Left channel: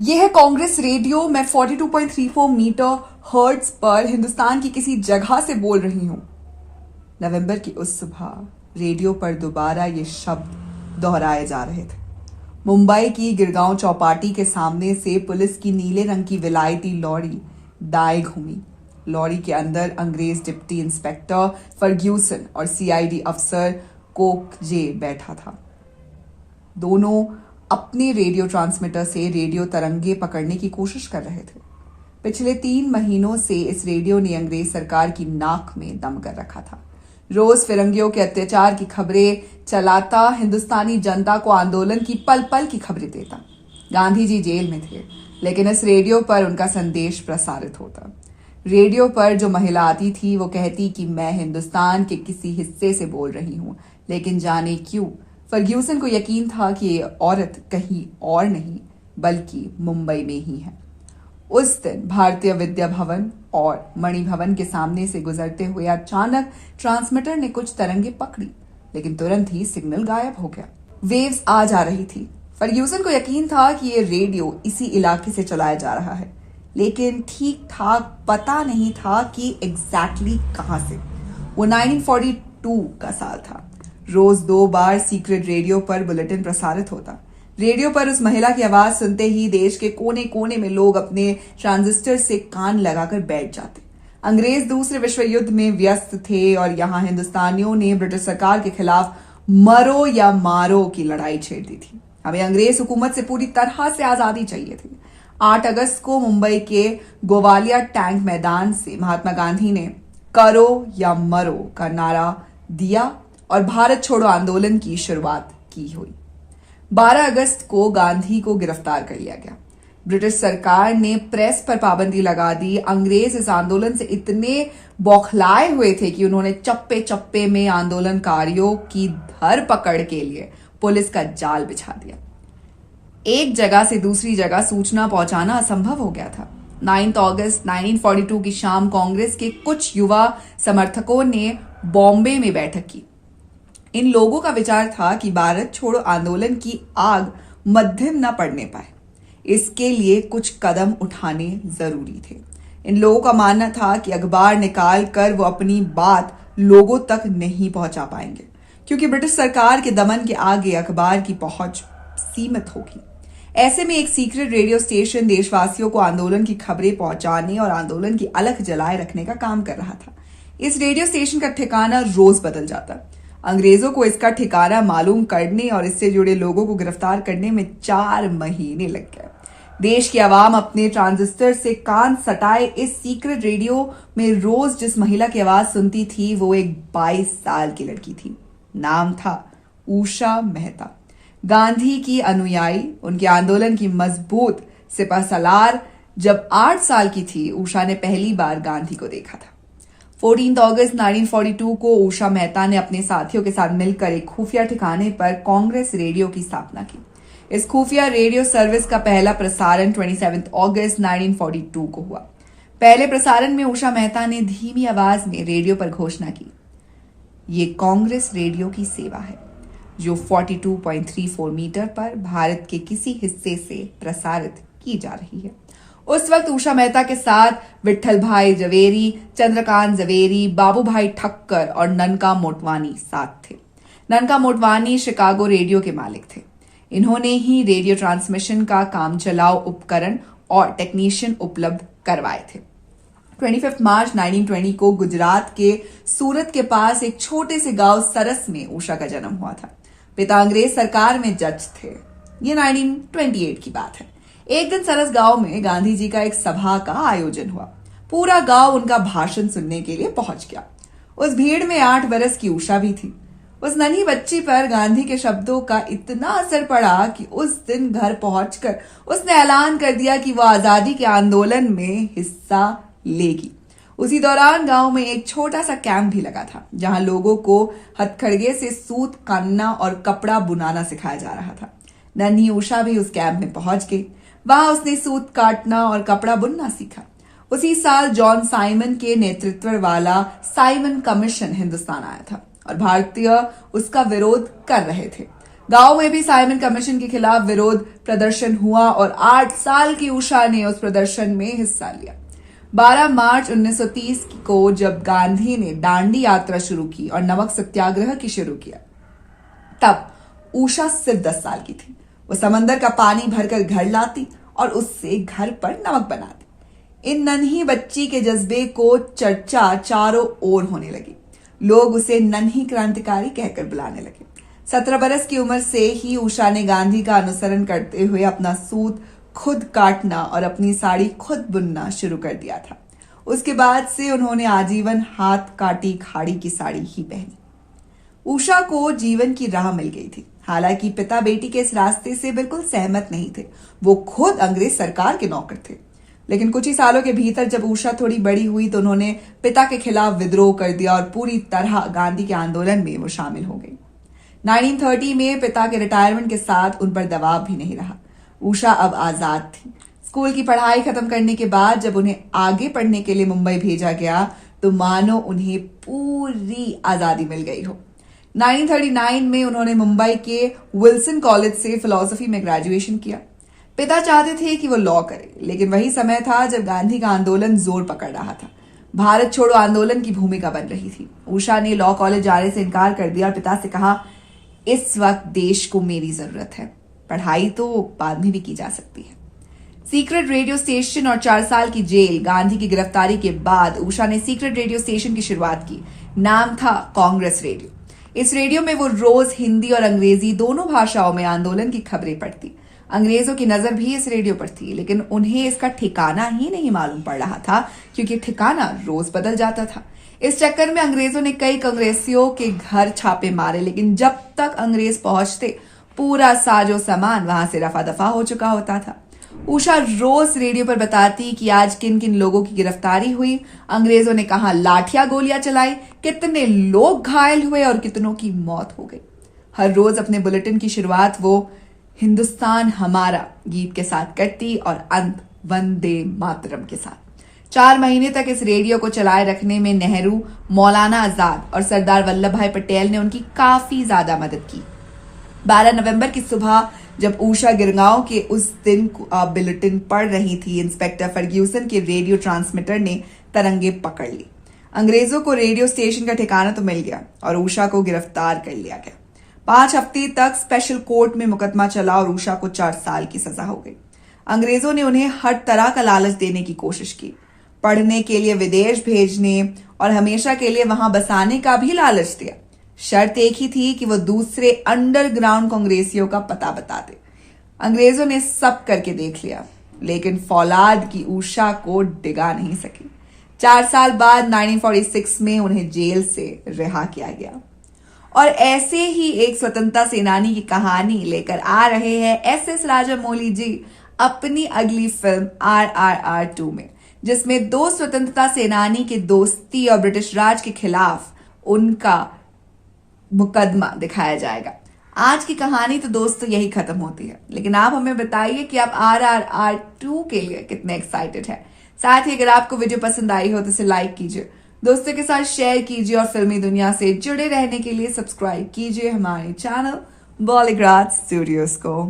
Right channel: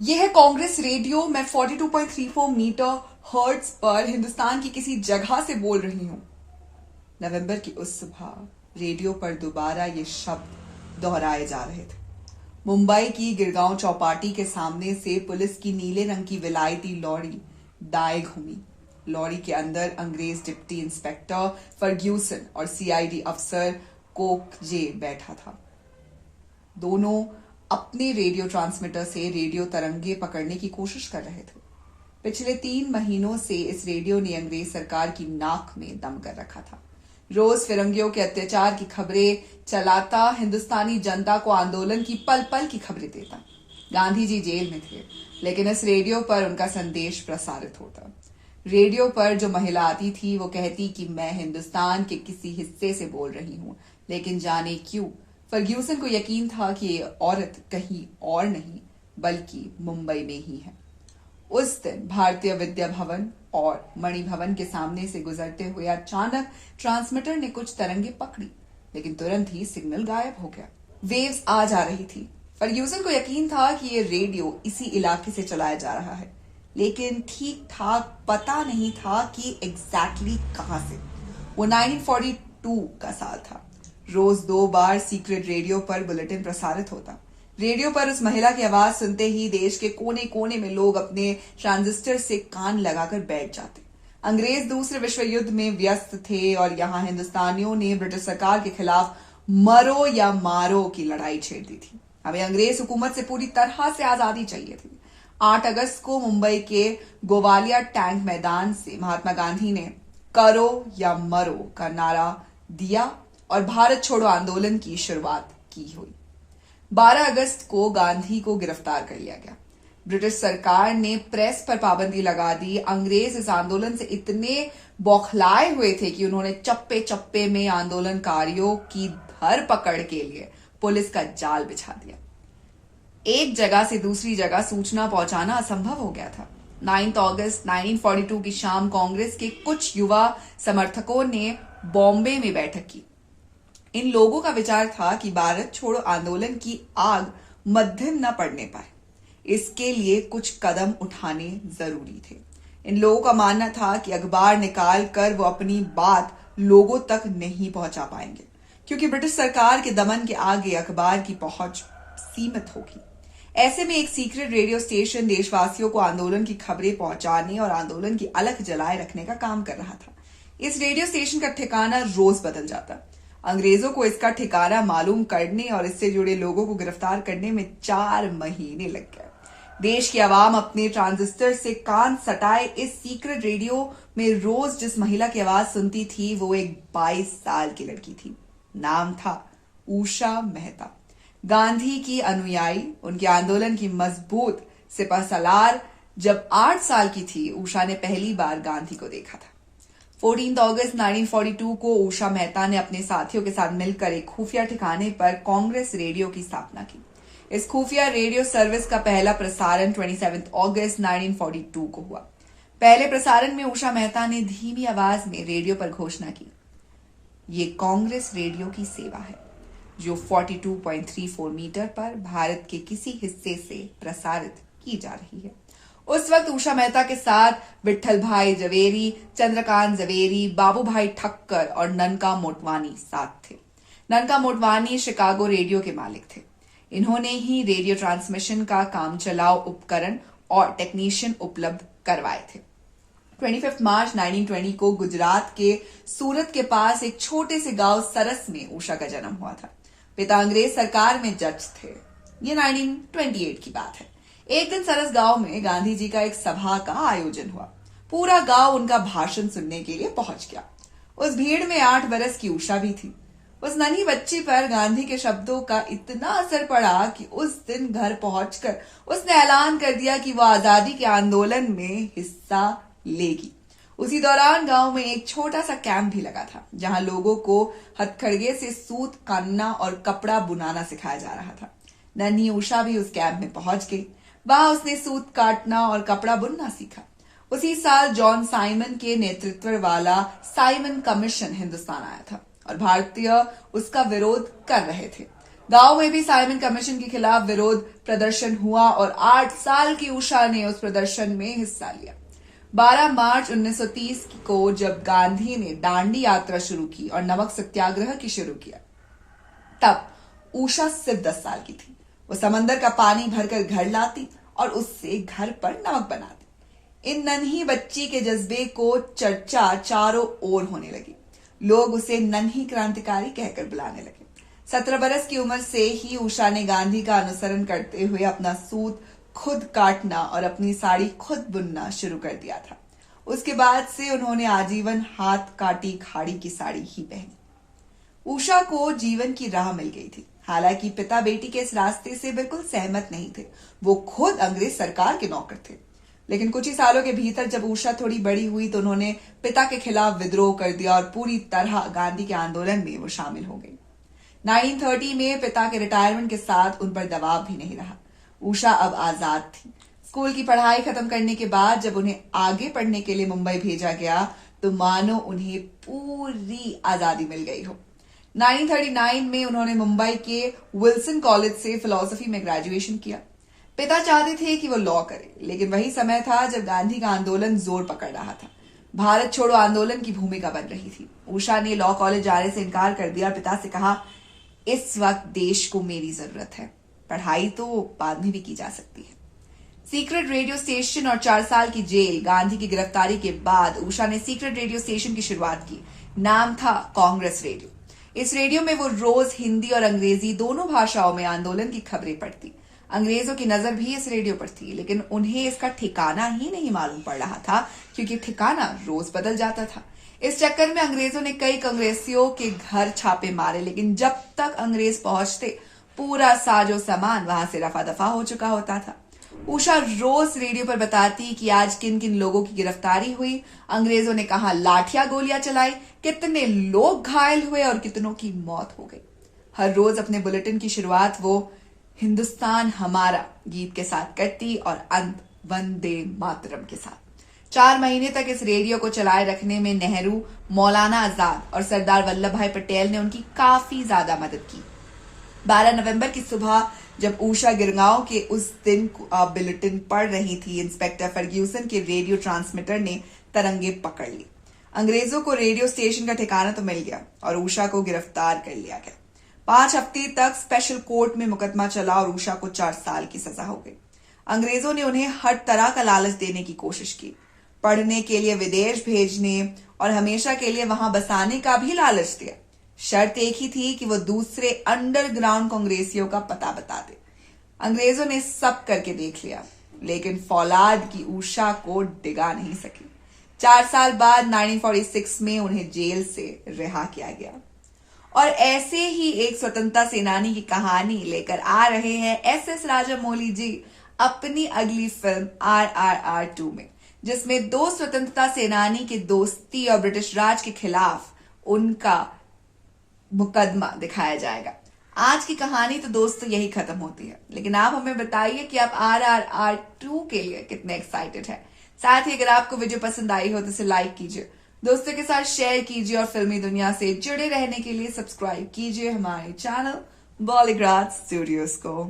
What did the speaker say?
यह है कांग्रेस रेडियो। मैं 42.34 मीटर हर्ट्ज पर हिंदुस्तान की किसी जगह से बोल रही हूं। नवंबर की उस सुबह रेडियो पर दोबारा ये शब्द दोहराए जा रहे थे। मुंबई की गिरगांव चौपाटी के सामने से पुलिस की नीले रंग की विलायती लॉरी दाएं घूमी। लॉरी के अंदर अंग्रेज डिप्टी इंस्पेक्टर फर्ग्यूसन और सीआईडी अफसर कोक जे बैठा था। दोनों अपने रेडियो ट्रांसमीटर से रेडियो तरंगे पकड़ने की कोशिश कर रहे थे। पिछले 3 महीनों से इस रेडियो ने अंग्रेज सरकार की नाक में दम कर रखा था। रोज फिरंगियों के अत्याचार की खबरें चलाता, हिंदुस्तानी जनता को आंदोलन की पल पल की खबरें देता। गांधी जी जेल में थे, लेकिन इस रेडियो पर उनका संदेश प्रसारित होता। रेडियो पर जो महिला आती थी वो कहती कि मैं हिंदुस्तान के किसी हिस्से से बोल रही हूं, लेकिन जाने क्यों फर्ग्यूसन को यकीन था कि ये औरत कहीं और नहीं बल्कि मुंबई में ही है। उस दिन भारतीय विद्या भवन और मणि भवन के सामने से गुजरते हुए अचानक ट्रांसमीटर ने कुछ तरंगे पकड़ी, लेकिन तुरंत ही सिग्नल गायब हो गया। वेव्स आ जा रही थी। फर्ग्यूसन को यकीन था कि ये रेडियो इसी इलाके से चलाया जा रहा है, लेकिन ठीक ठाक पता नहीं था कि एग्जैक्टली कहां से। वो 1942 का साल था। रोज 2 बार सीक्रेट रेडियो पर बुलेटिन प्रसारित होता। रेडियो पर उस महिला की आवाज सुनते ही देश के कोने कोने में लोग अपने ट्रांजिस्टर से कान लगाकर बैठ जाते। अंग्रेज दूसरे विश्व युद्ध में व्यस्त थे और यहां हिंदुस्तानियों ने ब्रिटिश सरकार के खिलाफ मरो या मारो की लड़ाई छेड़ दी थी। हमें अंग्रेज हुकूमत से पूरी तरह से आजादी चाहिए थी। 8 अगस्त को मुंबई के गोवालिया टैंक मैदान से महात्मा गांधी ने करो या मरो का नारा दिया और भारत छोड़ो आंदोलन की शुरुआत की हुई। 12 अगस्त को गांधी को गिरफ्तार कर लिया गया। ब्रिटिश सरकार ने प्रेस पर पाबंदी लगा दी। अंग्रेज इस आंदोलन से इतने बौखलाए हुए थे कि उन्होंने चप्पे चप्पे में आंदोलनकारियों की धरपकड़ के लिए पुलिस का जाल बिछा दिया। एक जगह से दूसरी जगह सूचना पहुंचाना असंभव हो गया था। 9 अगस्त 1942 की शाम कांग्रेस के कुछ युवा समर्थकों ने बॉम्बे में बैठक की। इन लोगों का विचार था कि भारत छोड़ो आंदोलन की आग मध्यम न पड़ने पाए, इसके लिए कुछ कदम उठाने जरूरी थे। इन लोगों का मानना था कि अखबार निकाल कर वो अपनी बात लोगों तक नहीं पहुंचा पाएंगे, क्योंकि ब्रिटिश सरकार के दमन के आगे अखबार की पहुंच सीमित होगी। ऐसे में एक सीक्रेट रेडियो स्टेशन देशवासियों को आंदोलन की खबरें पहुंचाने और आंदोलन की अलख जलाए रखने का काम कर रहा था। इस रेडियो स्टेशन का ठिकाना रोज बदल जाता। अंग्रेजों को इसका ठिकाना मालूम करने और इससे जुड़े लोगों को गिरफ्तार करने में 4 महीने लग गए। देश की आवाम अपने ट्रांजिस्टर से कान सटाए इस सीक्रेट रेडियो में रोज जिस महिला की आवाज सुनती थी वो एक 22 साल की लड़की थी। नाम था उषा मेहता। गांधी की अनुयायी, उनके आंदोलन की मजबूत सिपहसालार। जब 8 साल की थी उषा ने पहली बार गांधी को देखा था। 14 अगस्त 1942 को उषा मेहता ने अपने साथियों के साथ मिलकर एक खुफिया ठिकाने पर कांग्रेस रेडियो की स्थापना की। इस खुफिया रेडियो सर्विस का पहला प्रसारण 27 अगस्त 1942 को हुआ। पहले प्रसारण में उषा मेहता ने धीमी आवाज में रेडियो पर घोषणा की, ये कांग्रेस रेडियो की सेवा है जो 42.34 मीटर पर भारत के किसी हिस्से से प्रसारित की जा रही है। उस वक्त उषा मेहता के साथ विट्ठल भाई जवेरी, चंद्रकांत जवेरी, बाबू भाई ठक्कर और ननका मोटवानी साथ थे। ननका मोटवानी शिकागो रेडियो के मालिक थे। इन्होंने ही रेडियो ट्रांसमिशन का काम चलाओ उपकरण और टेक्नीशियन उपलब्ध करवाए थे। 25 मार्च 1920 को गुजरात के सूरत के पास एक छोटे से गांव सरस में उषा का जन्म हुआ था। पिता अंग्रेज सरकार में जज थे। ये 1928 की बात है। एक दिन सरस गांव में गांधी जी का एक सभा का आयोजन हुआ। पूरा गांव उनका भाषण सुनने के लिए पहुंच गया। उस भीड़ में 8 बरस की उषा भी थी। उस नन्ही बच्ची पर गांधी के शब्दों का इतना असर पड़ा कि उस दिन घर पहुंचकर उसने ऐलान कर दिया कि वो आजादी के आंदोलन में हिस्सा लेगी। उसी दौरान गांव में एक छोटा सा कैंप भी लगा था, जहां लोगों को हथकड़घे से सूत काटना और कपड़ा बुनाना सिखाया जा रहा था। नन्ही उषा भी उस कैंप में पहुंच गई। वहां उसने सूत काटना और कपड़ा बुनना सीखा। उसी साल जॉन साइमन के नेतृत्व वाला साइमन कमीशन हिंदुस्तान आया था और भारतीय उसका विरोध कर रहे थे। गांव में भी साइमन कमीशन के खिलाफ विरोध प्रदर्शन हुआ और 8 साल की उषा ने उस प्रदर्शन में हिस्सा लिया। 12 मार्च 1930 को जब गांधी ने दांडी यात्रा शुरू की और नमक सत्याग्रह की शुरू किया, तब उषा सिर्फ 10 साल की थी। वो समंदर का पानी भरकर घर लाती और उससे घर पर नमक बनाती। इन नन्ही बच्ची के जज्बे को चर्चा चारों ओर होने लगी। लोग उसे नन्ही क्रांतिकारी कहकर बुलाने लगे। 17 बरस की उम्र से ही उषा ने गांधी का अनुसरण करते हुए अपना सूत खुद काटना और अपनी साड़ी खुद बुनना शुरू कर दिया था। उसके बाद से उन्होंने आजीवन हाथ काटी खाड़ी की साड़ी ही पहनी। उषा को जीवन की राह मिल गई थी। हालांकि पिता बेटी के इस रास्ते से बिल्कुल सहमत नहीं थे। वो खुद अंग्रेज सरकार के नौकर थे। लेकिन कुछ ही सालों के भीतर जब उषा थोड़ी बड़ी हुई तो उन्होंने पिता के खिलाफ विद्रोह कर दिया और पूरी तरह गांधी के आंदोलन में वो शामिल हो गई। 1930 में पिता के रिटायरमेंट के साथ उन पर दबाव भी नहीं रहा। उषा अब आजाद थी। स्कूल की पढ़ाई खत्म करने के बाद जब उन्हें आगे पढ़ने के लिए मुंबई भेजा गया तो मानो उन्हें पूरी आजादी मिल गई हो। 1939 में उन्होंने मुंबई के विल्सन कॉलेज से फिलॉसफी में ग्रेजुएशन किया। पिता चाहते थे कि वो लॉ करे, लेकिन वही समय था जब गांधी का आंदोलन जोर पकड़ रहा था। भारत छोड़ो आंदोलन की भूमिका बन रही थी। उषा ने लॉ कॉलेज जाने से इनकार कर दिया और पिता से कहा, इस वक्त देश को मेरी जरूरत है, पढ़ाई तो बाद में भी की जा सकती है। सीक्रेट रेडियो स्टेशन और 4 साल की जेल। गांधी की गिरफ्तारी के बाद उषा ने सीक्रेट रेडियो स्टेशन की शुरुआत की। नाम था कांग्रेस रेडियो। इस रेडियो में वो रोज हिंदी और अंग्रेजी दोनों भाषाओं में आंदोलन की खबरें पढ़ती। अंग्रेजों की नजर भी इस रेडियो पर थी, लेकिन उन्हें इसका ठिकाना ही नहीं मालूम पड़ रहा था, क्योंकि ठिकाना रोज बदल जाता था। इस चक्कर में अंग्रेजों ने कई कांग्रेसियों के घर छापे मारे, लेकिन जब तक अंग्रेज पहुंचते पूरा साजो सामान वहां से रफा दफा हो चुका होता था। उषा रोज रेडियो पर बताती कि आज किन किन लोगों की गिरफ्तारी हुई, अंग्रेजों ने कहा लाठियां गोलियां चलाई, कितने लोग घायल हुए और कितनों की मौत हो गई। हर रोज अपने बुलेटिन की शुरुआत वो हिंदुस्तान हमारा गीत के साथ करती और अंत वंदे मातरम के साथ। 4 महीने तक इस रेडियो को चलाए रखने में नेहरू, मौलाना आजाद और सरदार वल्लभ भाई पटेल ने उनकी काफी ज्यादा मदद की। 12 नवंबर की सुबह जब उषा गिरगांव के उस दिन बुलेटिन पढ़ रही थी, इंस्पेक्टर फर्ग्यूसन के रेडियो ट्रांसमीटर ने तरंगे पकड़ ली। अंग्रेजों को रेडियो स्टेशन का ठिकाना तो मिल गया और उषा को गिरफ्तार कर लिया गया। 5 हफ्ते तक स्पेशल कोर्ट में मुकदमा चला और उषा को 4 साल की सजा हो गई। अंग्रेजों ने उन्हें हर तरह का लालच देने की कोशिश की, पढ़ने के लिए विदेश भेजने और हमेशा के लिए वहां बसाने का भी लालच दिया। शर्त एक ही थी कि वो दूसरे अंडरग्राउंड कांग्रेसियों का पता बता दे। अंग्रेजों ने सब करके देख लिया, लेकिन फौलाद की उषा को डिगा नहीं सकी। 4 साल बाद 1946 में उन्हें जेल से रिहा किया गया। और ऐसे ही एक स्वतंत्रता सेनानी की कहानी लेकर आ रहे हैं एस राजामौली जी अपनी अगली फिल्म RRR 2 में, जिसमें 2 स्वतंत्रता सेनानी की दोस्ती और ब्रिटिश राज के खिलाफ उनका मुकदमा दिखाया जाएगा। आज की कहानी तो दोस्तों यही खत्म होती है, लेकिन आप हमें बताइए कि आप RRR 2 के लिए कितने एक्साइटेड हैं। साथ ही अगर आपको वीडियो पसंद आई हो तो इसे लाइक कीजिए, दोस्तों के साथ शेयर कीजिए और फिल्मी दुनिया से जुड़े रहने के लिए सब्सक्राइब कीजिए हमारे चैनल बॉलीग्राज स्टूडियोज को।